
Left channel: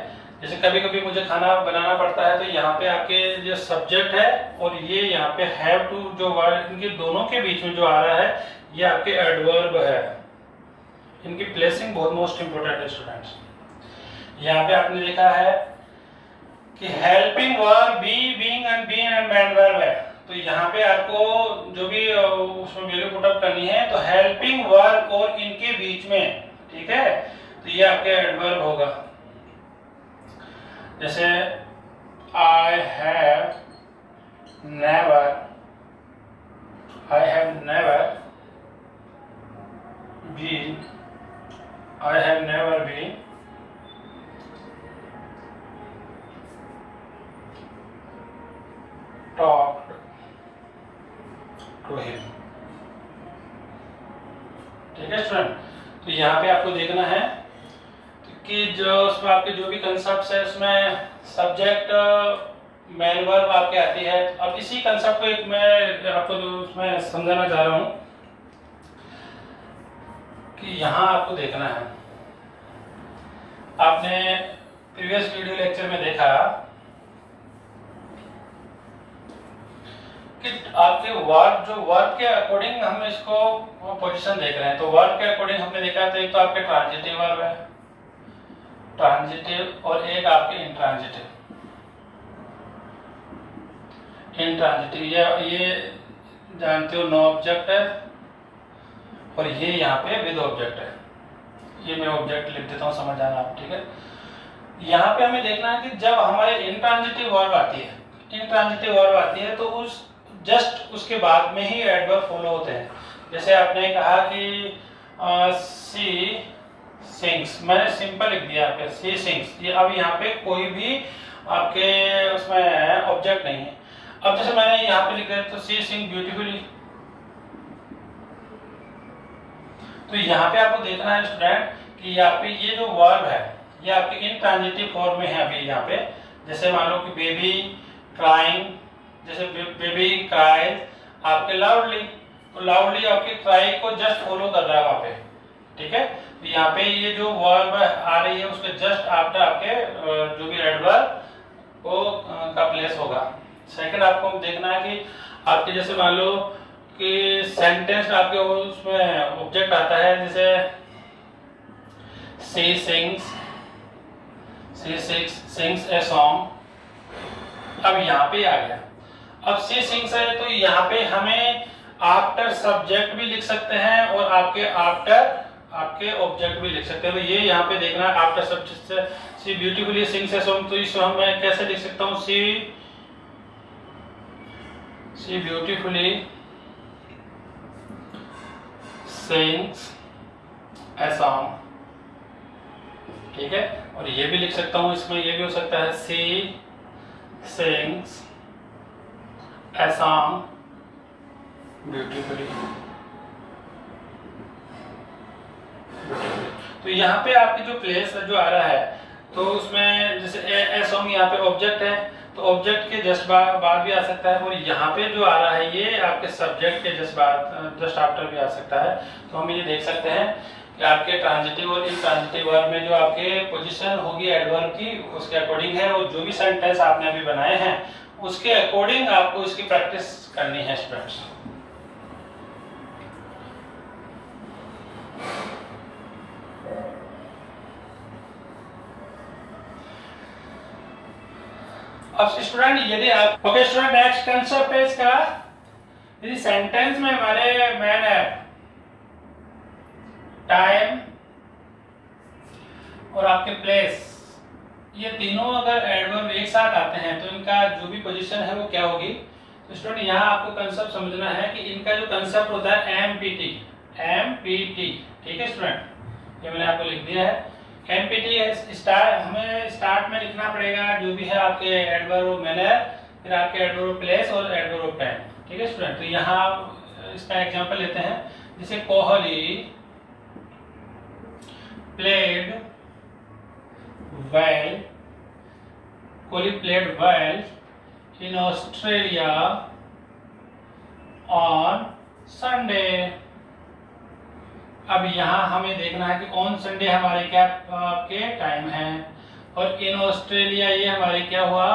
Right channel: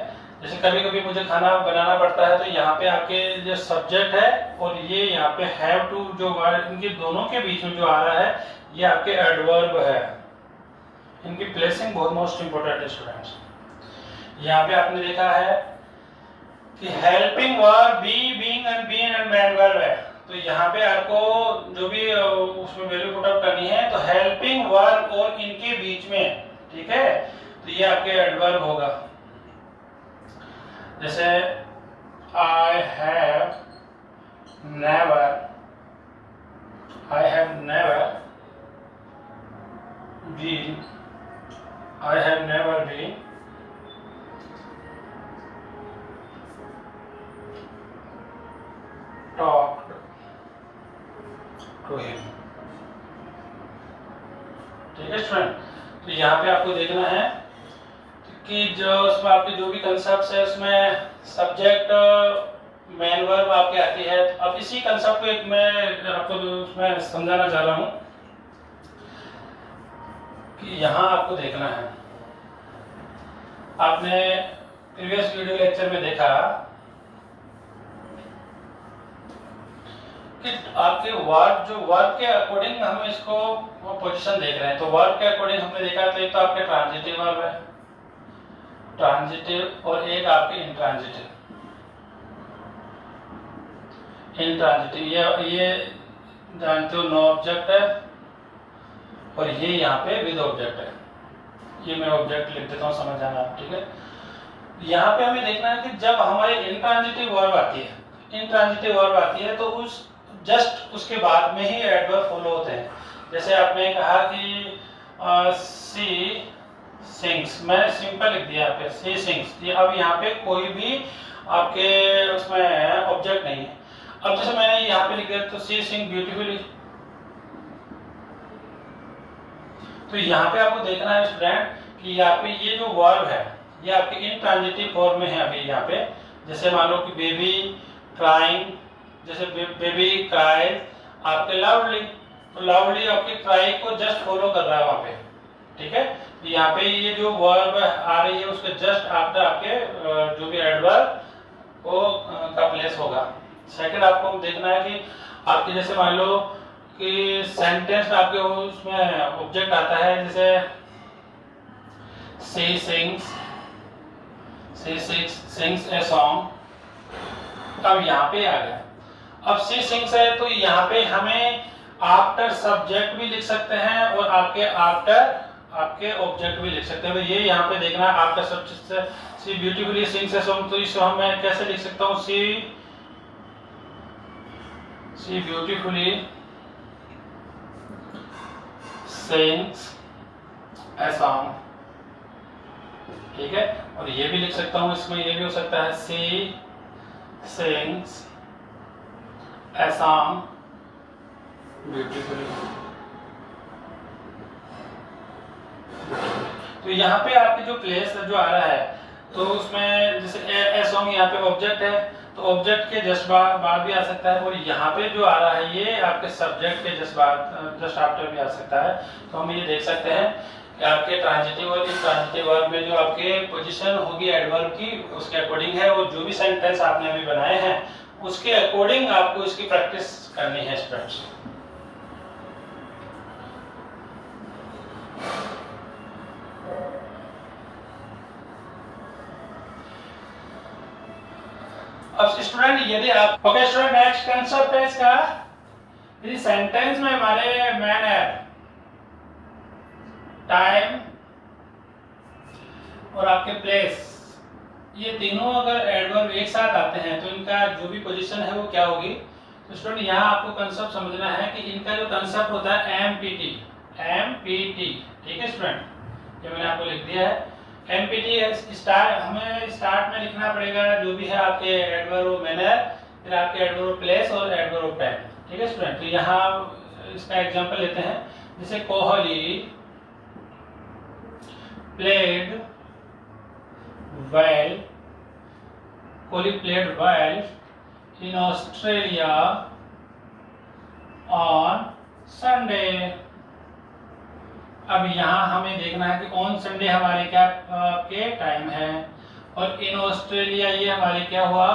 जैसे कभी कभी मुझे खाना बनाना पड़ता है, तो यहाँ पे आपके जो सब्जेक्ट है और ये यहाँ पे हैव टू जो वर्ड, इनके दोनों के बीच में जो आ रहा है ये आपके एडवर्ब है। इनकी प्लेसिंग बहुत मोस्ट इंपोर्टेंट है स्टूडेंट्स। यहाँ पे आपने देखा है कि helping verb be, being and been and main verb है, तो यहाँ पे आपको जो भी उसमें वैल्यू पुट अप करनी है तो हेल्पिंग वर्ब और इनके बीच में। ठीक है, तो ये आपके एडवर्ब होगा। जैसे I have never been talked to him। ठीक है स्टूडेंट, तो यहाँ पे आपको देखना है कि जो उसमें आपके जो भी कंसेप्ट है उसमें सब्जेक्ट मेन वर्ब आपके आती है। अब इसी कंसेप्ट को एक मैं आपको उसमें समझाना चाह रहा हूँ कि यहाँ आपको देखना है, आपने प्रीवियस वीडियो लेक्चर में देखा कि आपके वर्ब जो वर्ब के अकॉर्डिंग हम इसको पोजीशन देख रहे हैं, तो वर्ब के अकॉर्डिंग हमने देखा तो एक तो आपके ट्रांजिटिव वर्ब है, ट्रांजिटिव, और एक आपके इंट्रांजिटिव। ये जानते हो नो ऑब्जेक्ट है और ये यहाँ पे विद ऑब्जेक्ट है। ये मैं ऑब्जेक्ट लिख देता हूँ, समझ आना आप। ठीक है, यहाँ पे हमें देखना है कि जब हमारे इंट्रांजिटिव वर्ब आती है तो उस जस्ट उसके बाद में ही एडवर्ब फॉलो होते हैं। जैसे आपने कहा कि सी सिंग्स, मैंने सिंपल लिख दिया आपके सी सिंग्स, ये अब यहाँ पे कोई भी आपके उसमें ऑब्जेक्ट नहीं है। अब जैसे मैंने यहाँ पे लिख दिया तो सी सिंग ब्यूटीफुली, तो यहाँ पे आपको देखना है स्टूडेंट कि यहाँ पे ये जो वर्ब है ये आपके इंट्रांजिटिव फॉर्म में है अभी यहाँ पे। जैसे मान लो कि बेबी क्राइंग, जैसे बेबी क्राइज आपके लाउडली, तो लाउडली आपके क्राई को जस्ट फॉलो कर रहा है वहाँ पे। ठीक है, तो यहाँ पे ये जो वर्ब आ रही है उसके जस्ट आफ्टर आपके जो भी एडवर्ब वो का प्लेस होगा। सेकंड आपको देखना है कि आपके जैसे मान लो कि सेंटेंस आपके उसमें ऑब्जेक्ट आता है, जैसे she sings a song। अब यहाँ पे आ गया, अब she sings है तो यहाँ पे हमें आफ्टर सब्जेक्ट भी लिख सकते हैं और आपके ऑब्जेक्ट भी लिख सकते हैं। ये यहाँ पे देखना आफ्टर सब्जेक्ट से she beautifully sings a song, तो इसको मैं कैसे लिख सकता हूँ, she beautifully sings a song, ठीक है। और ये भी लिख सकता हूँ, इसमें ये भी हो सकता है she sings a song beautifully। तो यहाँ पे आपके जो प्लेस जो आ रहा है तो उसमें जैसे ए सॉन्ग यहाँ पे ऑब्जेक्ट है तो ऑब्जेक्ट के जस्ट बाद भी आ सकता है, और यहाँ पे जो आ रहा है ये आपके सब्जेक्ट के जस्ट आफ्टर भी आ सकता है। तो हम ये देख सकते हैं कि आपके ट्रांजिटिव और इंट्रांजिटिव वर्ब में जो आपके पोजीशन होगी एडवर्ब की उसके अकॉर्डिंग है, और जो भी सेंटेंस आपने अभी बनाए हैं उसके अकॉर्डिंग आपको इसकी प्रैक्टिस करनी है स्टूडेंट्स। अब स्टूडेंट यदि आप ओके स्टूडेंट नेक्स्ट कंसेप्ट है इसका, यदि सेंटेंस में हमारे मैनर, टाइम और आपके प्लेस ये तीनों अगर एडवर्ब एक साथ आते हैं तो इनका जो भी पोजीशन है वो क्या होगी। तो स्टूडेंट यहाँ आपको कंसेप्ट समझना है कि इनका जो कंसेप्ट होता है एमपीटी, ठीक है स्टूडेंट, ये मैंने आपको लिख दिया है। एमपीटी हमें स्टार्ट में लिखना पड़ेगा जो भी है आपके एडवर्ब मैनर, फिर आपके एडवर्ब प्लेस और एडवर्ब टाइम, ठीक है स्टूडेंट। तो यहाँ इसका एग्जांपल लेते हैं, जैसे Kohli played well, Kohli played well in Australia on Sunday. अब यहाँ हमें देखना है कि ऑन संडे हमारे क्या आपके टाइम है, और इन ऑस्ट्रेलिया ये हमारे क्या हुआ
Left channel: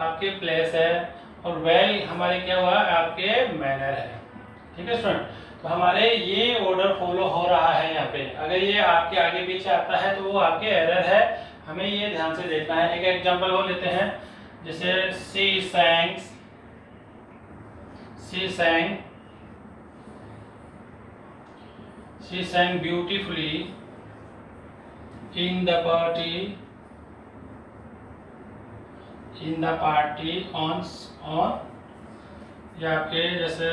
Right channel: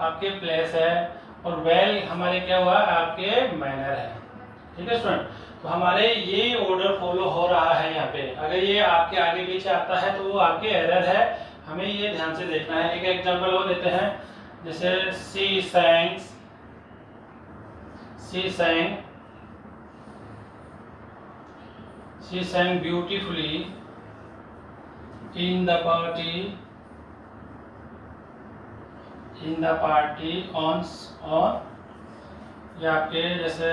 आपके प्लेस है, और वेल हमारे क्या हुआ आपके मैनर है, ठीक है स्टूडेंट। तो हमारे ये ऑर्डर फॉलो हो रहा है यहाँ पे। अगर ये आपके आगे पीछे आता है तो वो आपके एरर है, हमें ये ध्यान से देखना है। एक एग्जांपल और लेते हैं, जैसे she sang beautifully in the party on या आपके जैसे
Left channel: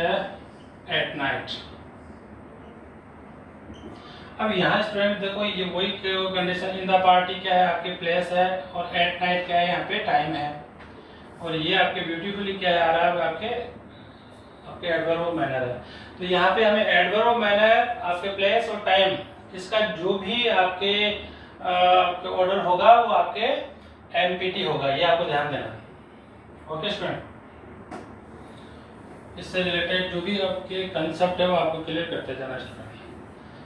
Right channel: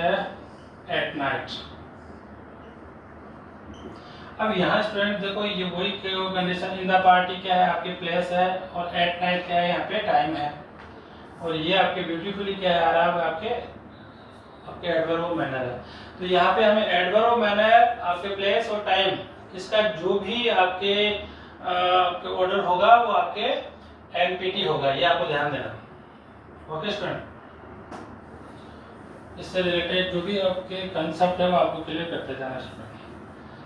at night। अब यहाँ स्टूडेंट देखो ये वही कंडीशन, इन द पार्टी क्या है आपके प्लेस है, और एट नाइट क्या है यहाँ पे टाइम है, और ये आपके ब्यूटीफुली क्या है आ रहा है आपके एडवर्ब मैनर है। तो यहाँ पे हमें एडवर्ब मैनर, आपके प्लेस और टाइम, इसका जो भी आपके ऑर्डर होगा वो आपके एमपीटी होगा, ये आपको ध्यान देना। ओके स्टूडेंट, इससे रिलेटेड जो भी आपके कंसेप्ट है वो आपको क्लियर करते जाना स्टूडेंट।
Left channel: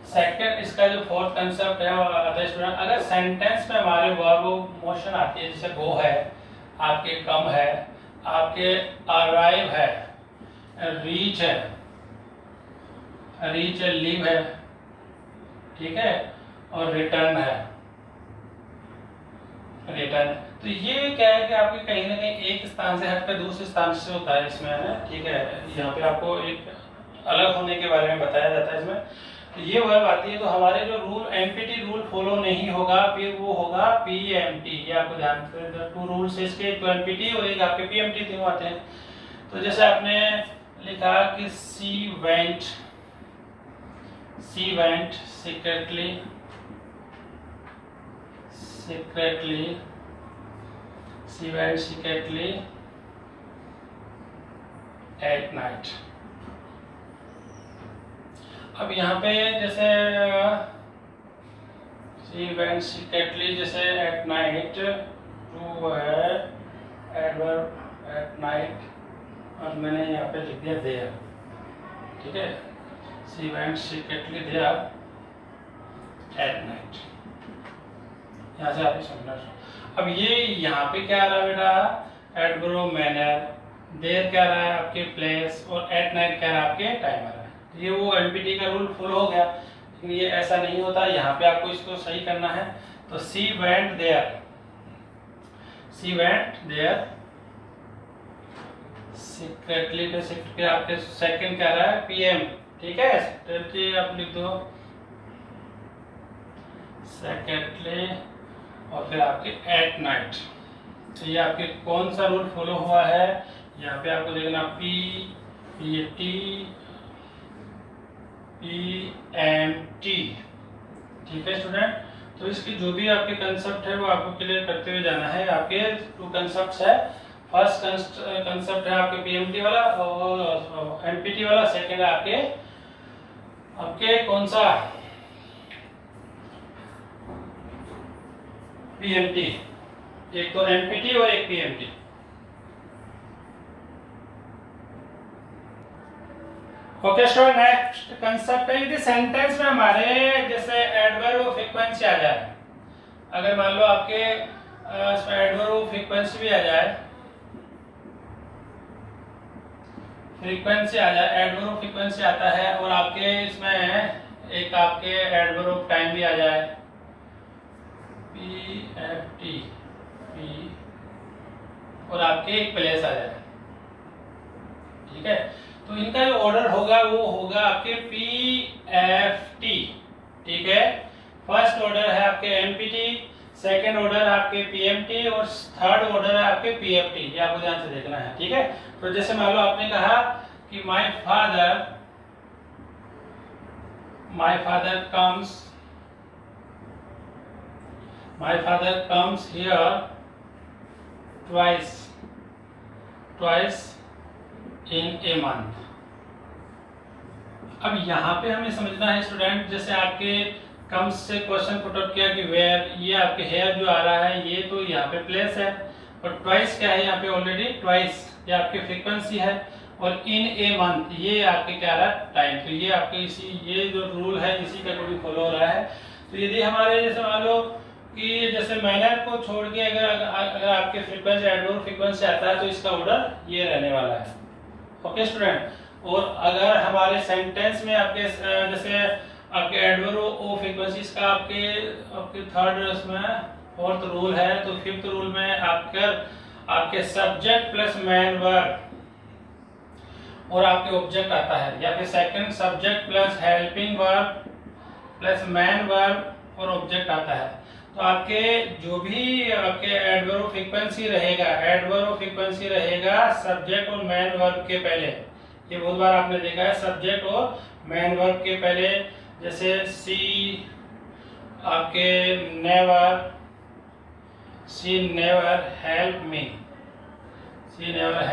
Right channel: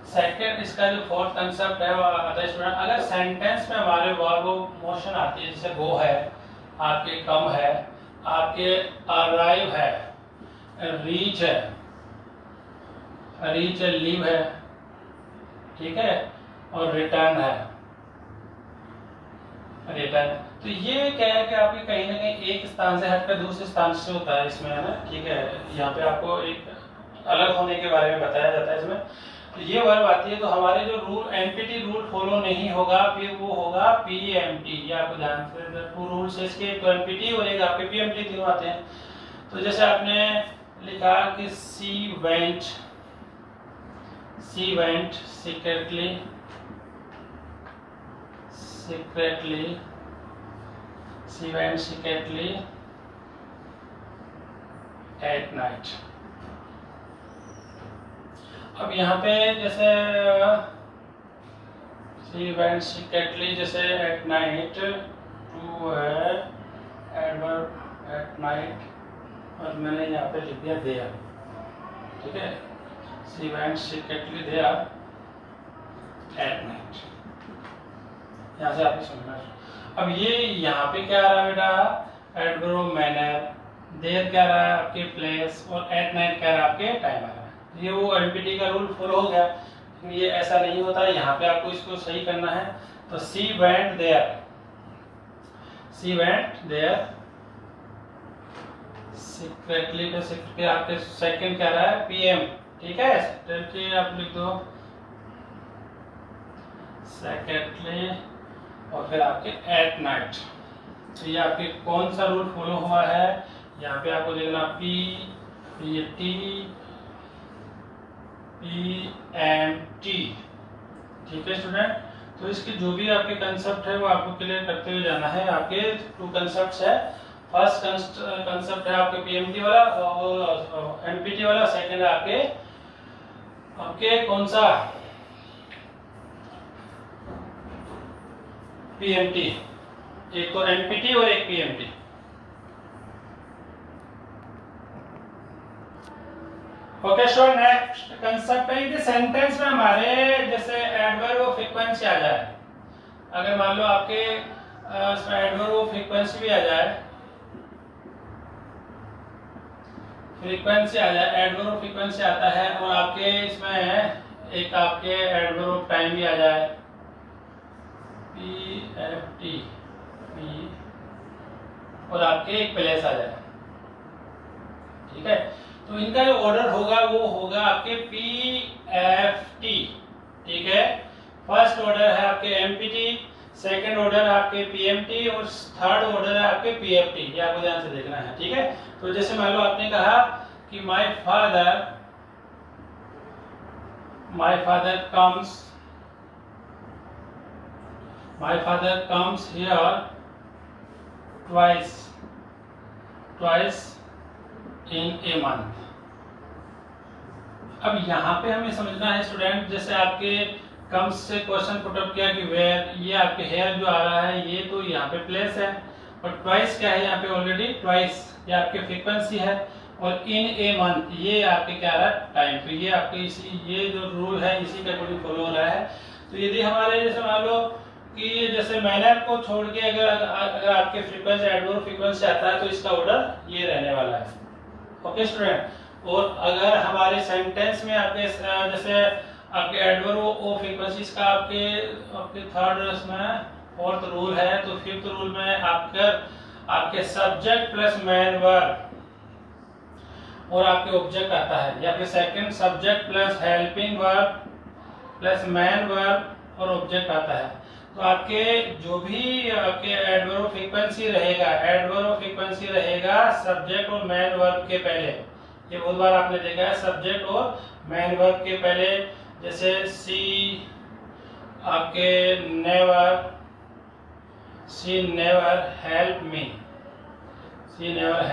सेकंड इसका जो फोर्थ कंसेप्ट है वो आता है स्टूडेंट, अगर सेंटेंस में हमारे वर्ब मोशन आती है, जैसे गो है आपके, कम है आपके, अराइव है, रीच है, लीव है, ठीक है, और रिटर्न है, रिटर्न। तो ये क्या है कि आपके कहीं ना कहीं एक स्थान से हटकर दूसरे स्थान से होता है इसमें, है ना, ठीक है। यहाँ पे आपको एक अलग होने के बारे में बताया जाता है इसमें। तो ये वर्ब आती है तो हमारे जो रूल एमपीटी रूल फॉलो नहीं होगा, फिर वो होगा पीएमटी। ये आपको ध्यान से, टू रूल्स है इसके, एक एमपीटी और एक आपके पीएमटी तीनों आते हैं। तो जैसे आपने लिखा कि she went secretly at night। अब यहाँ पे जैसे she went secretly जैसे at night, to है adverb at night, और मैंने यहाँ पे लिख दिया there, ठीक है। she went secretly there at night, यहाँ से आपको समझना। अब ये यहाँ पे क्या आ रहा है बेटा, एडवर्ब मैनर, देयर क्या आ रहा है आपके प्लेस, और एट नाइट क्या आ रहा है आपके टाइम आ रहा है। ये वो एमपीटी का रूल फॉलो हो गया। लेकिन ये ऐसा नहीं होता, यहाँ पे आपको इसको सही करना है। तो she went there, she went there secretly, तो सीक्रेटली आपके सेकंड क्या रहा है, पीएम, ठीक है, सेक्रेटली आप लिख दो सेक्रेटली, और फिर आपके एट नाइट। तो ये आपके कौन सा रूल फॉलो हुआ है, यहाँ पे आपको देखना पी टी PMT, ठीक है स्टूडेंट। तो इसकी जो भी आपके कंसेप्ट है वो आपको क्लियर करते हुए जाना है। आपके 2 कंसेप्ट है, फर्स्ट कंसेप्ट है आपके PMT वाला और NPT वाला, सेकंड है आपके कौन सा PMT, एक तो NPT और एक PMT। Okay student, next concept है, यदि सेंटेंस में हमारे जैसे एडवर्ब ऑफ फ्रीक्वेंसी आ जाए, अगर मान लो आपके एडवर्ब ऑफ फ्रीक्वेंसी भी आ जाए, फ्रीक्वेंसी आ जाए, एडवर्ब ऑफ फ्रीक्वेंसी आता है, और आपके इसमें एक आपके एडवर्ब ऑफ टाइम भी आ जाए, PFT, और आपके एक प्लेस आ जाए, ठीक है। तो इनका जो ऑर्डर होगा वो होगा आपके PFT, ठीक है। फर्स्ट ऑर्डर है आपके MPT, सेकंड ऑर्डर है आपके PMT, और थर्ड ऑर्डर है आपके PFT। ये आपको ध्यान से देखना है, ठीक है। तो जैसे मान लो आपने कहा कि my father comes here twice in a month. अब यहाँ पे हमें समझना है स्टूडेंट, जैसे आपके कम्स से क्वेश्चन पुट अप किया कि वेयर, ये आपके हेयर जो आ रहा है ये तो यहाँ पे प्लेस है, और ट्वाइस क्या है यहाँ पे ऑलरेडी ट्वाइस, ये आपकी फ्रीक्वेंसी है, और इन ए मंथ ये आपके क्या रहा है, टाइम। तो ये आपके ये जो रूल है इसी का अकॉर्डिंग फॉलो हो रहा है। तो यदि हमारे जैसे मान लो कि जैसे मैनर को छोड़ के अगर आपके फ्रीक्वेंसी एडवर्ब फ्रीक्वेंसी आता है तो इसका ऑर्डर ये रहने वाला है, ओके स्टूडेंट। और अगर हमारे सेंटेंस में आपके जैसे आपके एडवर्ब ऑफ फ्रीक्वेंसीज का आपके थर्ड उसमें फोर्थ रूल है, तो फिफ्थ रूल में आपके सब्जेक्ट प्लस मैन वर्ब और आपके ऑब्जेक्ट आता है, या फिर second subject plus helping verb plus man verb और ऑब्जेक्ट आता है। तो आपके जो भी आपके एडवर्ब फ्रीक्वेंसी रहेगा सब्जेक्ट और मैन वर्ब के पहले। ये बहुत बार आपने देखा है, सब्जेक्ट और मैन वर्ब के पहले, जैसे she never help me, she never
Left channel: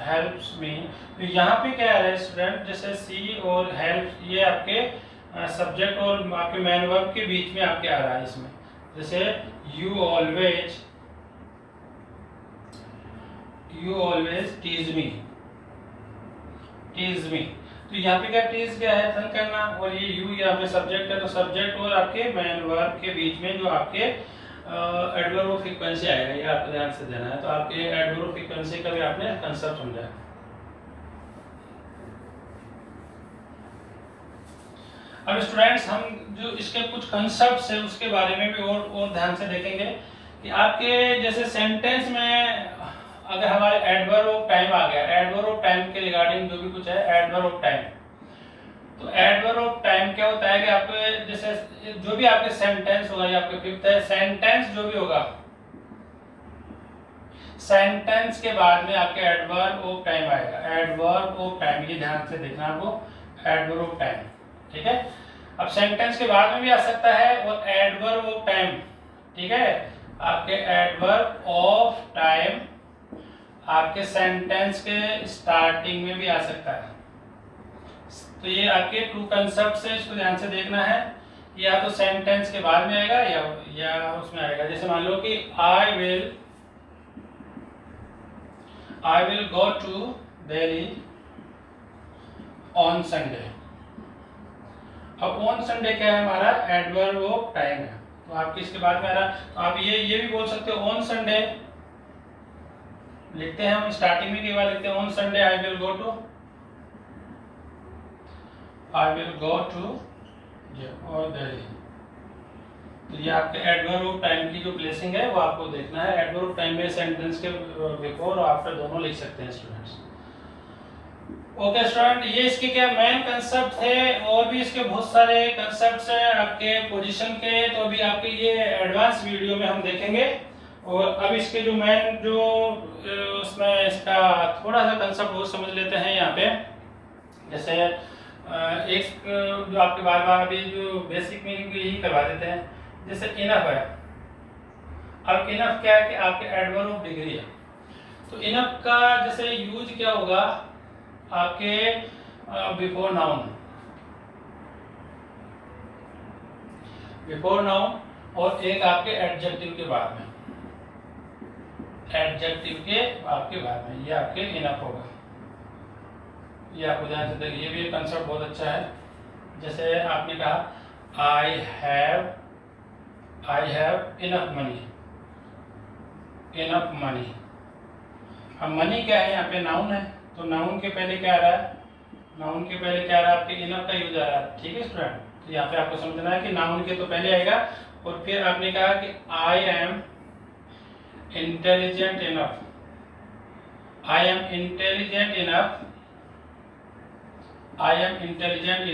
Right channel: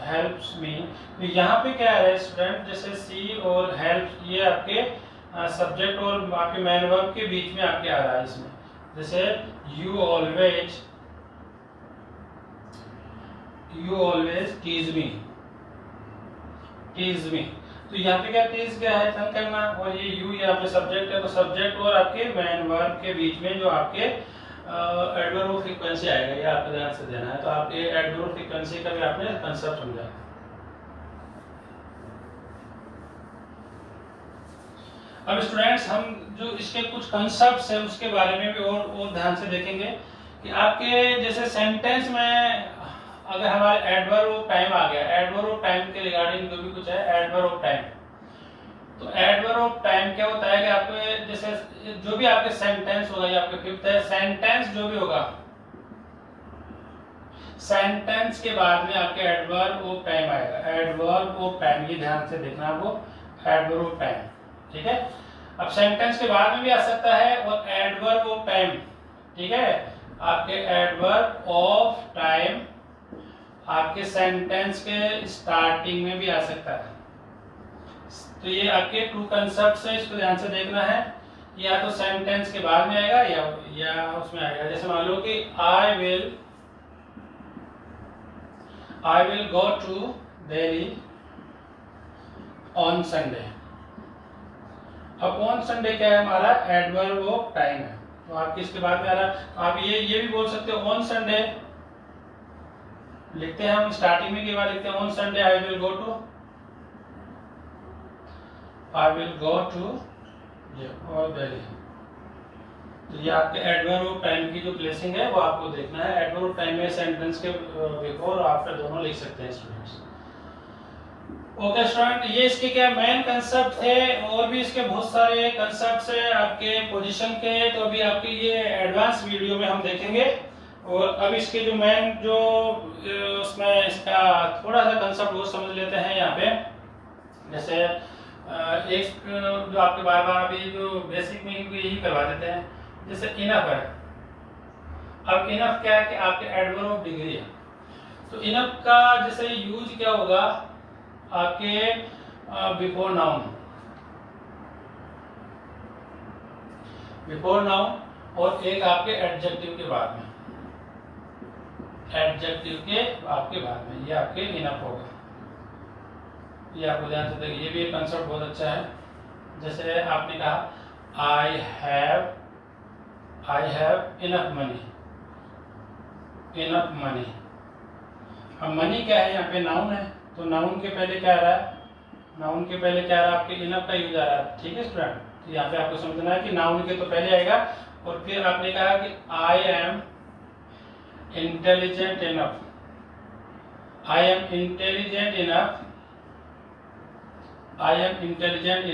helps me. तो यहाँ पे क्या है स्टूडेंट, जैसे सी और हेल्प ये आपके सब्जेक्ट और आपके मैन वर्ब के बीच में आपके आ रहा है इसमें, जैसे यू ऑलवेज टीज मी। तो यहाँ पे क्या टीज क्या है, तंग करना, और ये यू यहाँ पे सब्जेक्ट है, तो सब्जेक्ट और आपके मैन वर्ब के बीच में जो आपके एडवर्ब ऑफ फ्रीक्वेंसी आएगा, ये आपको ध्यान से देना है। तो आपके एडवर्ब ऑफ फ्रीक्वेंसी का भी आपने कंसेप्ट समझा है। अब स्टूडेंट्स हम जो इसके कुछ कंसेप्ट्स हैं उसके बारे में भी और ध्यान से देखेंगे कि आपके जैसे सेंटेंस में अगर हमारे एडवर्ब ऑफ टाइम आ गया, एडवर्ब ऑफ टाइम के रिगार्डिंग जो भी कुछ है एडवर्ब ऑफ टाइम, तो एडवर्ब ऑफ टाइम क्या होता है कि आपके जैसे जो भी आपके सेंटेंस होगा, ये आपके फिफ्थ है, सेंटेंस जो भी होगा, सेंटेंस के बाद में आपके एडवर्ब ऑफ टाइम आएगा, एडवर्ब ऑफ टाइम, ये ध्यान से देखना आपको, एडवर्ब ऑफ टाइम, ठीक है। अब सेंटेंस के बाद में भी आ सकता है, और एडवर्ब ऑफ टाइम, ठीक है, आपके एडवर्ब ऑफ टाइम आपके सेंटेंस के स्टार्टिंग में भी आ सकता है। तो ये आपके 2 कंसेप्ट है, इसको ध्यान से देखना है, या तो सेंटेंस के बाद में आएगा या उसमें आएगा। जैसे मान लो कि I will go to Delhi on Sunday. अब ऑन संडे क्या है हमारा, एडवर्ब ऑफ टाइम है, तो आपके इसके बाद में आ रहा, तो आप ये भी बोल सकते हो ऑन संडे लिखते हैं हम, स्टार्टिंग में के बाद लिखते हैं on Sunday I will go to ये और वेरी। तो ये आपके एडवर्ब ऑफ टाइम की जो प्लेसिंग है वो आपको देखना है। एडवर्ब ऑफ टाइम में सेंटेंस के बिफोर और आफ्टर दोनों लिख सकते हैं स्टूडेंट्स। ओके स्टूडेंट, ये इसके क्या मेन कंसेप्ट थे। और भी इसके बहुत सारे कंसेप्ट्स हैं आपके पोजीशन के, तो अभी आपके ये एडवांस वीडियो में हम देखेंगे। और अब इसके जो मेन जो उसमें इसका थोड़ा सा कंसेप्ट वो समझ लेते हैं यहाँ पे। जैसे एक जो आपके बार बार अभी जो बेसिक मीनिंग यही करवा देते हैं, जैसे इनफ है। अब इनफ क्या है कि आपके एडवर्ब ऑफ डिग्री है। तो इनफ का जैसे यूज क्या होगा आपके बिफोर नाउन, बिफोर नाउन, और एक आपके एडजेक्टिव के बाद में, एडजेक्टिव के आपके बाद में, ये आपके इनफ होगा। ये आपको ध्यान से देखिए, ये भी एक कंसेप्ट बहुत अच्छा है। जैसे आपने कहा I have enough money, enough money. अब मनी क्या है, यहाँ पे नाउन है, तो नाउन के पहले क्या आ रहा है, नाउन के पहले क्या आ रहा है, आपके इनफ का यूज आ रहा है। ठीक है स्टूडेंट, तो यहाँ पे आपको समझना है कि नाउन के तो पहले आएगा, और फिर आपने कहा कि I am intelligent enough, I am intelligent enough, I am intelligent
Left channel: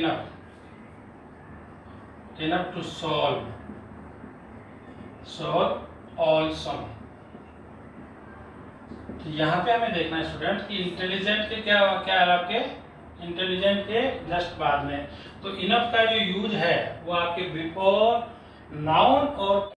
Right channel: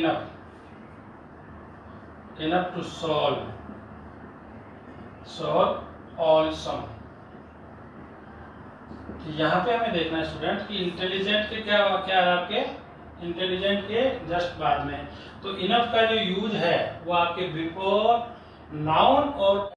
enough to solve all sum. तो यहाँ पे हमें देखना है स्टूडेंट कि इंटेलिजेंट के क्या क्या है आपके, इंटेलिजेंट के जस्ट बाद में। तो इनफ का जो यूज है वो आपके बिफोर नाउन और